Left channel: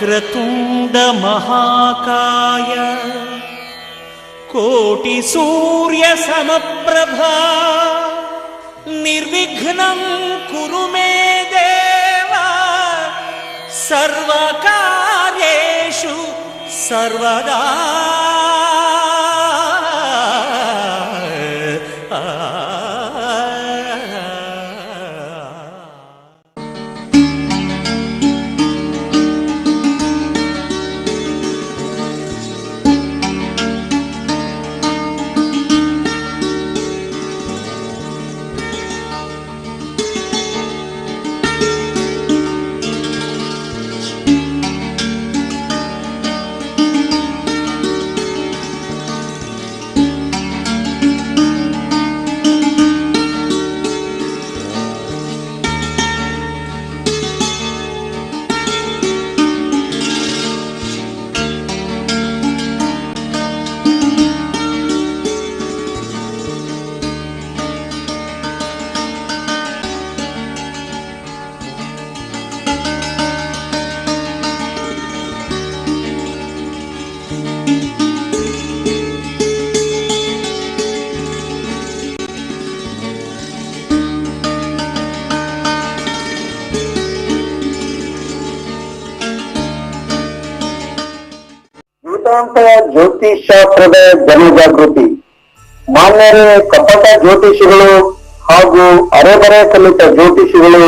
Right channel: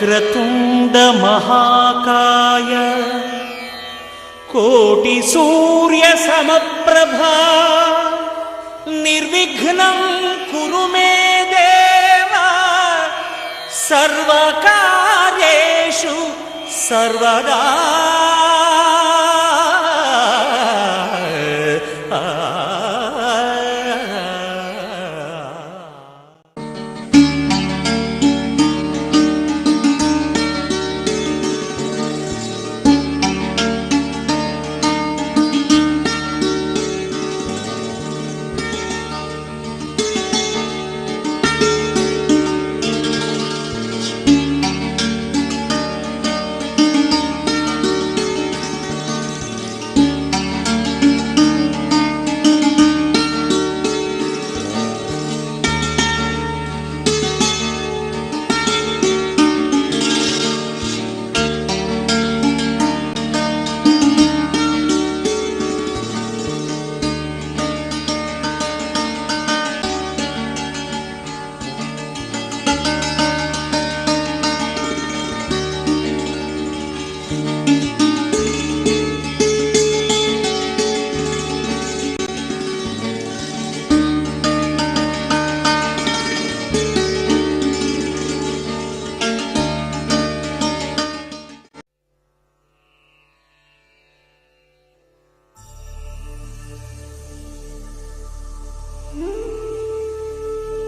ವಕ್ರತುಂಡ ಮಹಾಕಾಯ ಕೋಟಿ ಸೂರ್ಯ ಸಮಪ್ರಭಾ ನಿರ್ವಿಘ್ನಂ ಕುರು ಮೇ ದೇವ ಸರ್ವಕಾರ್ಯೇಷು ಸರ್ವದಾ. ಜ್ಯೋತಿಷ್ ಶಾಸ್ತ್ರದ ಜನಜಾಗೃತಿ. ಮಾನ್ಯರೇ, ಕಪಟ ಜ್ಯೋತಿಷಿಗಳು ಹಾಗೂ ಅರೆಬರೆ ಕಲಿತ ಜ್ಯೋತಿಷಿಗಳು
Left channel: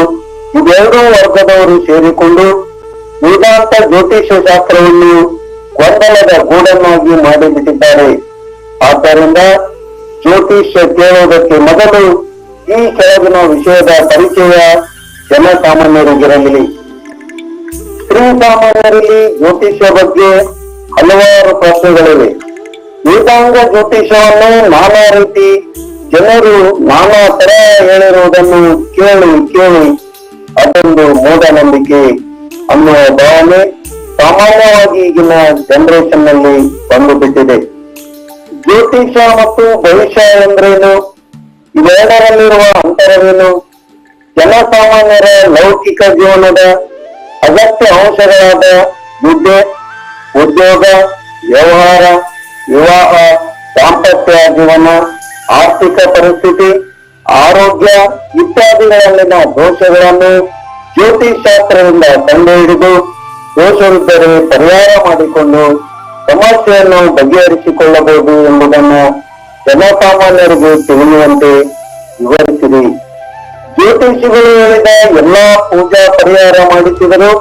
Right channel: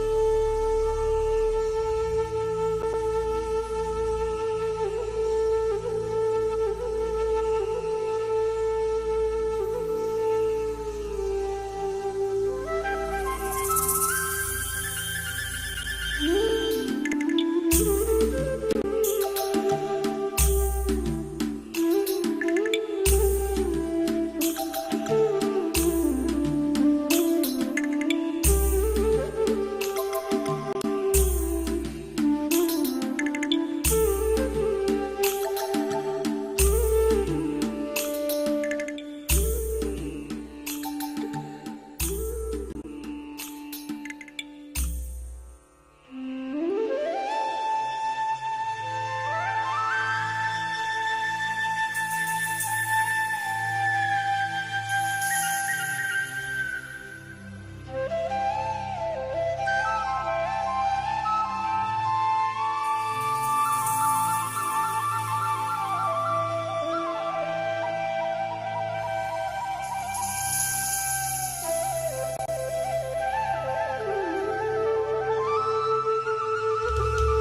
ಇವೆರಡೂ ವರ್ಗದವರು ಸೇರಿಕೊಂಡು ವೇದಾಂತ ಜ್ಯೋತಿಷ್ಯ ಶಾಸ್ತ್ರವನ್ನು ಗೊಂದಲದ ಗೂಡನ್ನಾಗಿ ಮಾಡಿಬಿಟ್ಟಿದ್ದಾರೆ. ಆದ್ದರಿಂದ ಜ್ಯೋತಿಷ್ಯ ಕೇಳುವುದಕ್ಕೆ ಮೊದಲು ಈ ಕೆಳಗಿನ ವಿಷಯದ ಪರಿಚಯ ಜನಸಾಮಾನ್ಯರಿಗಿರಲಿ. ಸ್ತ್ರೀ ಸಾಮಾನ್ಯರಲ್ಲಿ ಜ್ಯೋತಿಷ್ಯ ಬಗ್ಗೆ ಹಲವಾರು ಪ್ರಶ್ನೆಗಳಿವೆ. ವೇದಾಂಗ ಜ್ಯೋತಿಷವನ್ನು ನಾನಾ ರೀತಿ ಜನರು ನಾನಾ ತರ ಹೇಳಿರುವುದನ್ನು ಕೇಳಿ ಅದೊಂದು ಮೂಢನಂಬಿಕೆ ಅನ್ನುವ ಭಾವನೆ ಸಾಮಾನ್ಯವಾಗಿ ಈಗಿನ ಜನರೇಷನ್ ನಲ್ಲಿ ಬಂದುಬಿಟ್ಟಿದೆ. ಜ್ಯೋತಿಷ ಮತ್ತು ಭವಿಷ್ಯ ಎಂದ್ರೇನು? ಇವೆರಡರಲ್ಲಿರುವ ಅಂತರವೇನು? ಜನಸಾಮಾನ್ಯರ ಲೌಕಿಕ ಜೀವನದ ಅಗತ್ಯ ಅಂಶಗಳಾದ ವಿದ್ಯೆ, ಉದ್ಯೋಗ, ವ್ಯವಹಾರ, ವಿವಾಹ, ದಾಂಪತ್ಯ ಜೀವನ, ಆರ್ಥಿಕ ಪರಿಸ್ಥಿತಿ, ಆರೋಗ್ಯ ಇತ್ಯಾದಿಗಳಲ್ಲಿನ ದೋಷಗಳನ್ನು ಜ್ಯೋತಿಷ್ ಶಾಸ್ತ್ರದಿಂದ ಕಂಡುಹಿಡಿದು ದೋಷವಿದ್ದರೆ ಪರಿಹಾರ ಮಾಡಿಕೊಂಡು ಸಮಸ್ಯೆಯನ್ನು ಬಗೆಹರಿಸಿಕೊಳ್ಳಬಹುದು ಎಂಬುದನ್ನು ಜನಸಾಮಾನ್ಯರಿಗೆ ತಿಳಿಯುವಂತೆ ವಿವರಿಸಿರಿ. ಜ್ಯೋತಿಷಿಗಳು ಹೇಳಿದ ಎಲ್ಲಾ ಪೂಜಾ ಪರಿಹಾರ ಮಾಡಿಸಿದರೂ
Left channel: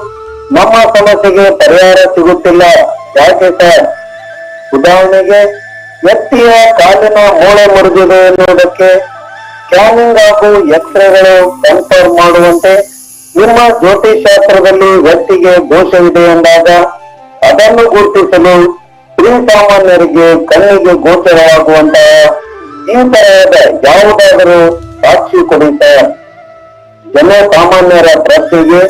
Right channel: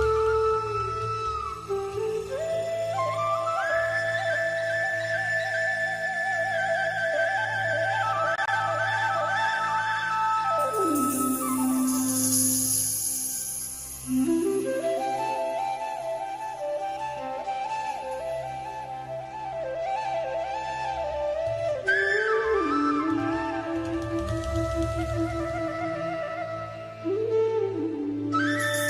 ನಮ್ಮ ಸಮಸ್ಯೆಗೆ ಪರಿಹಾರ ಸಿಗುತ್ತಿಲ್ಲ. ಯಾಕೆ ಸರ್? ಉದಾಹರಣೆಗೆ, ವ್ಯಕ್ತಿಯ ಕಾಲಿನ ಮೂಳೆ ಮುರಿದಿದೆ ಎನ್ನುವುದಕ್ಕೆ ಸ್ಕ್ಯಾನಿಂಗ್ ಹಾಗೂ ಎಕ್ಸ್ರೇಗಳು ಕನ್ಫರ್ಮ್ ಮಾಡುವಂತೆ ನಿಮ್ಮ ಜ್ಯೋತಿಷ್ ಶಾಸ್ತ್ರದಲ್ಲಿ ವ್ಯಕ್ತಿಗೆ ದೋಷವಿದೆ ಎಂದಾಗ ಅದನ್ನು ಗುರುತಿಸಲು ಸ್ತ್ರೀ ಸಾಮಾನ್ಯರಿಗೆ ಕಣ್ಣಿಗೆ ಗೋಚರವಾಗುವಂತಹ ಈ ತರಹದ ಯಾವುದಾದರೂ ಸಾಕ್ಷಿ ಕೊಡಿ ಸರ್. ಜನಸಾಮಾನ್ಯರ ಪ್ರಶ್ನೆಗೆ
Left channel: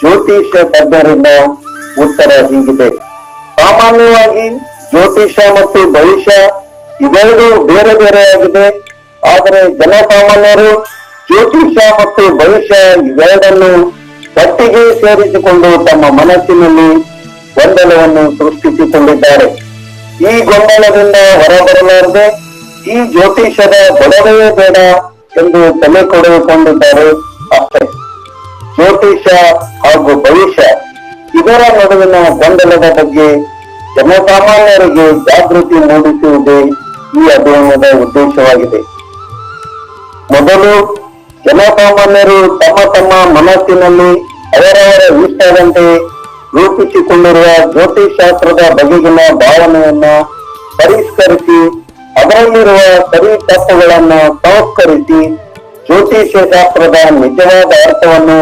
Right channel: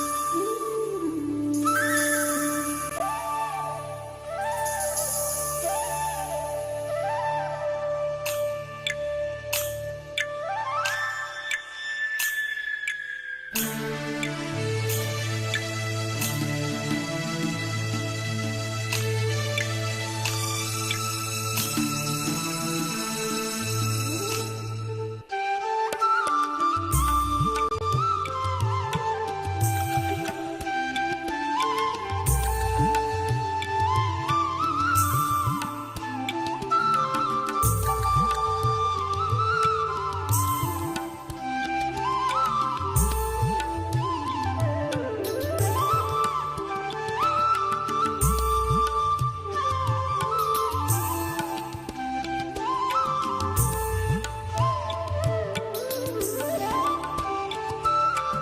ಜ್ಯೋತಿಷ್ಯ ತಜ್ಞರಿಂದ ಉತ್ತರ ಹೀಗಿದೆ. ಸಾಮಾನ್ಯವಾಗಿ ಜ್ಯೋತಿಷ್ಯ ಮತ್ತು ಭವಿಷ್ಯ ಇವೆರಡು ಬೇರೆ ಬೇರೆಯಾಗಿದೆ. ಆದರೆ ಜನಸಾಮಾನ್ಯರು ಜ್ಯೋತಿಷ್ಯ ಮತ್ತು ಭವಿಷ್ಯ ಇವೆರಡನ್ನು ಒಟ್ಟಿಗೆ ಸೇರಿಸಿಕೊಂಡು ತಮ್ಮ ಮನಸ್ಸಿನಲ್ಲಿ ಗೊಂದಲವನ್ನು ಸೃಷ್ಟಿಸಿಕೊಂಡಿದ್ದಾರೆ. ಈ ಗೊಂದಲದಿಂದ ಹೊರಬರಲಾರದೆ ಈ ಜ್ಯೋತಿಷ್ಯದ ಗೊಡವೆಯೇ ಬೇಡ ಎಂದು ತಲೆ ಕೊಡುಕೊಂಡಿದ್ದಾರೆ ಅಷ್ಟೇ. ಜ್ಯೋತಿಷ್ಯ ಹಾಗೂ ಭವಿಷ್ಯ ಇದರ ನಡುವಿನ ಗೊಂದಲದ ಬಗ್ಗೆ ಜನಸಾಮಾನ್ಯರಿಗೆ ಜಾಗೃತಿ ಮೂಡಿಸುವುದೇ ಈ ಅಧ್ಯಯನದ ಉದ್ದೇಶವಾಗಿದೆ. ಮೊದಲು ಜನಸಾಮಾನ್ಯರು ತಮ್ಮ ಮನಸ್ಸಿನಲ್ಲಿ ಅವರವರ ಇಷ್ಟದಂತೆ ರೂಪಿಸಿಕೊಂಡಿರುವ ಜ್ಯೋತಿಷ್ ಶಾಸ್ತ್ರದ ಬಗೆಗಿನ ಭಾವನೆಯನ್ನ ಪರಿಷ್ಕರಿಸಿ ಅದರಲ್ಲಿರುವ ಸರಿ ತಪ್ಪುಗಳನ್ನ ಸಂಸ್ಕರಿಸಿ ಜ್ಯೋತಿಷ್ಯ ಶಾಸ್ತ್ರದ ನಿಜವಾದ ಅರ್ಥವನ್ನು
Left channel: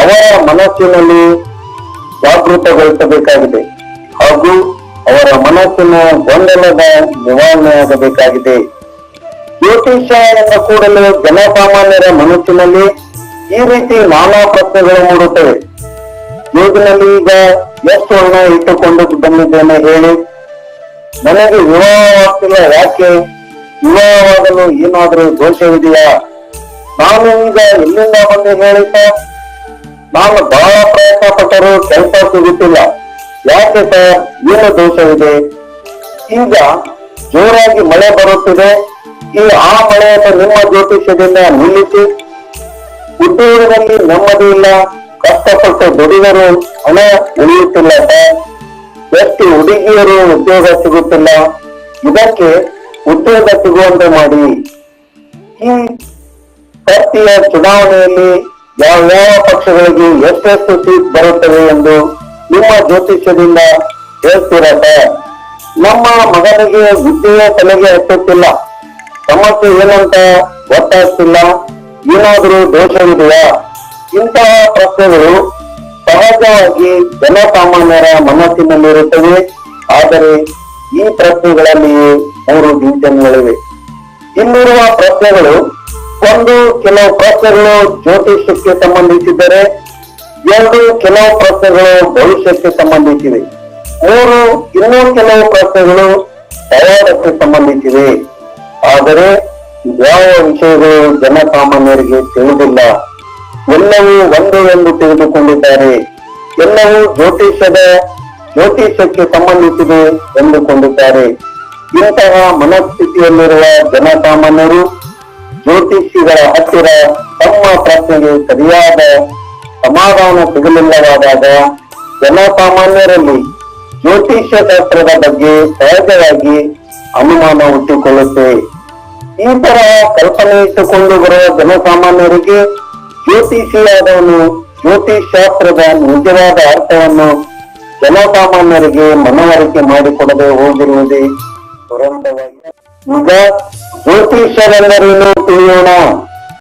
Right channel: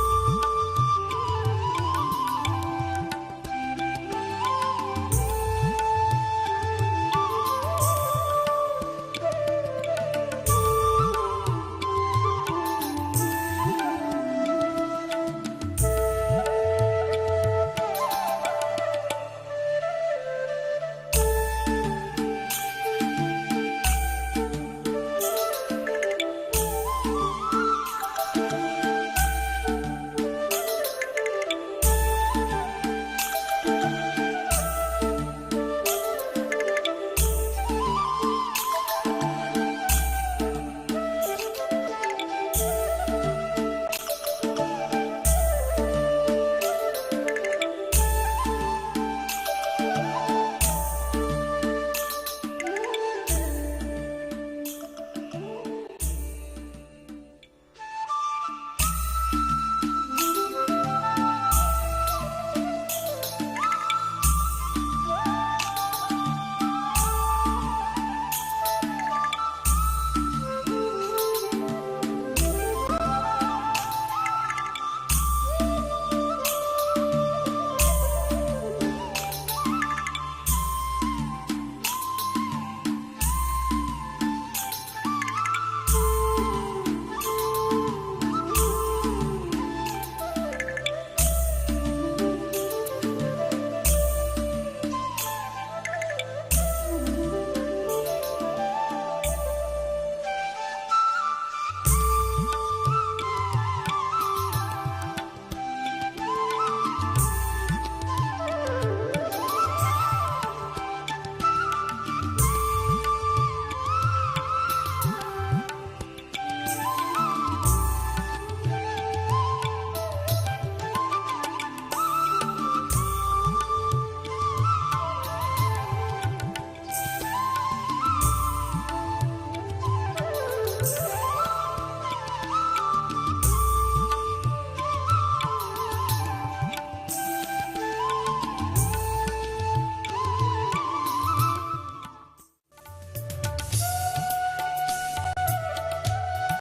ಅವರ ಮನಸ್ಸಿನಲ್ಲಿ ಜಾಗೃತಗೊಳಿಸಬೇಕಾಗಿದೆ ಹಾಗೂ ಅವರ ಮನಸ್ಸಿನ ಗೊಂದಲದ ನಿವಾರಣೆಯಾಗಬೇಕಾಗಿದೆ. ಜ್ಯೋತಿಷ್ಯ ಎಂದ ಕೂಡಲೇ ಜನಸಾಮಾನ್ಯರ ಮನಸ್ಸಿನಲ್ಲಿ ಈ ರೀತಿ ನಾನಾ ಪ್ರಶ್ನೆಗಳು ಮೂಡುತ್ತವೆ. ಜೇಬಿನಲ್ಲಿ ಈಗ ಎಷ್ಟು ಹಣ ಇಟ್ಟುಕೊಂಡು ಬಂದಿದ್ದೇನೆ ಹೇಳಿ, ನನಗೆ ವಿವಾಹವಾಗ್ತಿಲ್ಲ ಯಾಕೆ, ವಿವಾಹವಾಗಲು ಏನಾದರೂ ದೋಷವಿದೆಯಾ, ನಾನು ಈಗ ಎಲ್ಲಿಂದ ಬಂದು ಹೇಳಿದ್ದ, ನಾನು ಬಹಳ ಪ್ರಯತ್ನ ಪಟ್ಟರೂ ಕೆಲಸ ಸಿಗುತ್ತಿಲ್ಲ, ಯಾಕೆ ಸರ್, ಏನು ದೋಷವಿದೆ? ಈಗ ಜೋರಾಗಿ ಮಳೆ ಬರುತ್ತಿದೆ. ಆ ಮಳೆಯನ್ನು ನಿಮ್ಮ ಜ್ಯೋತಿಷ್ಯದಿಂದ ನಿಲ್ಲಿಸಿ. ಉದ್ಯೋಗದಲ್ಲಿ ನೆಮ್ಮದಿ ಇಲ್ಲ, ಕಷ್ಟಪಟ್ಟು ದುಡಿದರೂ ಹಣ ಉಳಿಯುತ್ತಿಲ್ಲ ಸರ್. ಎಷ್ಟು ಹುಡುಗಿಯರು ಉದ್ಯೋಗ ಸಿಗುತ್ತಿಲ್ಲ. ಇದಕ್ಕೆ ಉದ್ಯೋಗ ಸಿಗುವಂತೆ ಮಾಡಿ. ಈ ಪ್ರತಿಯ ಚುನಾವಣೆಯಲ್ಲಿ ಯಾವ ಪಕ್ಷಗಳಿಗೆ ಎಷ್ಟೆಷ್ಟು ಸೀಟ್ ಬರುತ್ತವೆ ಎಂದು ನಿಮ್ಮ ಜ್ಯೋತಿಷ್ಯದಿಂದ ಹೇಳ್ತೀರಾ ಸರ್? ನಮ್ಮ ಮಗನಿಗೆ ವಿದ್ಯೆಯ ತಲೆಗೆ ಹತ್ತುತ್ತಿಲ್ಲ, ಸಮಸ್ಯೆ ಏನಂತ ಗೊತ್ತಾಗ್ತಿಲ್ಲ, ಏನಾದರೂ ದೋಷವಿದೆಯಾ? ಇಂತಹ ಪ್ರಶ್ನೆಗಳು ಸಹಜವಾಗಿ ಜನಸಾಮಾನ್ಯರ ಮನಸ್ಸಿನಲ್ಲಿರುತ್ತವೆ. ಆದರೆ ಈ ಪ್ರಶ್ನೆಗಳಲ್ಲಿಯೇ 3 ಡಿವಿಷನ್ಗಳಿವೆ. ಇಲ್ಲಿರುವ ಪ್ರಶ್ನೆಗಳು: 1, ಕೆಲವು ಪ್ರಶ್ನೆಗಳು ಜ್ಯೋತಿಷ್ಯಕ್ಕೆ ಸಂಬಂಧಿಸಿದರೆ. 2, ಕೆಲವು ಪ್ರಶ್ನೆಗಳು ಭವಿಷ್ಯಕ್ಕೆ ಸಂಬಂಧಿಸಿವೆ. 3, ಇನ್ನೂ ಕೆಲವು ಪ್ರಶ್ನೆಗಳು ಪವಾಡಕ್ಕೆ ಸಂಬಂಧಿಸಿವೆ. ಆದರೆ ಯಾವ ವಿಷಯಗಳು ಜನಸಾಮಾನ್ಯರಿಗೆ ತಿಳಿದಿಲ್ಲ. ಎಲ್ಲವೂ ಒಂದೇ ಎಂದು ತಿಳಿದುಕೊಂಡಿದ್ದಾರೆ. ಎಲ್ಲವೂ ಜ್ಯೋತಿಷ್ಯಕ್ಕೆ ಸಂಬಂಧಿಸಿದೆ ಎಂದುಕೊಂಡಿದ್ದಾರೆ. ಇಂತಹ ಮನಸ್ಥಿತಿಯಲ್ಲಿರುವ ಜನಸಾಮಾನ್ಯರು ಜ್ಯೋತಿಷಿಗಳ ಹತ್ತಿರ ತಮ್ಮ ಪ್ರಶ್ನೆಗೆ ಸರಿಯಾದ ಸಮಾಧಾನ ಸಿಗಲಿಲ್ಲವಾದಾಗ ಜನಸಾಮಾನ್ಯರಲ್ಲಿ ಜ್ಯೋತಿಷ್ಯ ಶಾಸ್ತ್ರದ ಬಗ್ಗೆ ಸಹಜವಾಗಿ ಅನುಮಾನ ಹುಟ್ಟಿಕೊಳ್ಳುತ್ತೆ. ಈ ತರಹ ಕಲ್ಪನೆ ಇಟ್ಟುಕೊಂಡು ಬರುವ ಜನಸಾಮಾನ್ಯರಿಗೆ ಜ್ಯೋತಿಷಿಯಾದವನು ಜ್ಯೋತಿಷ್ ಶಾಸ್ತ್ರದ ನಿಜವಾದ ಅರ್ಥವನ್ನು ಜನಸಾಮಾನ್ಯರಿಗೆ ಮನವರಿಕೆ ಮಾಡಿಕೊಡದೆ ಹೋಗಿರುವುದೇ ದುರಂತವಾಗಿ. ಈಗ ಜ್ಯೋತಿಷ್ಯರೆಂದರೇನು ತಿಳಿಯೋಣ.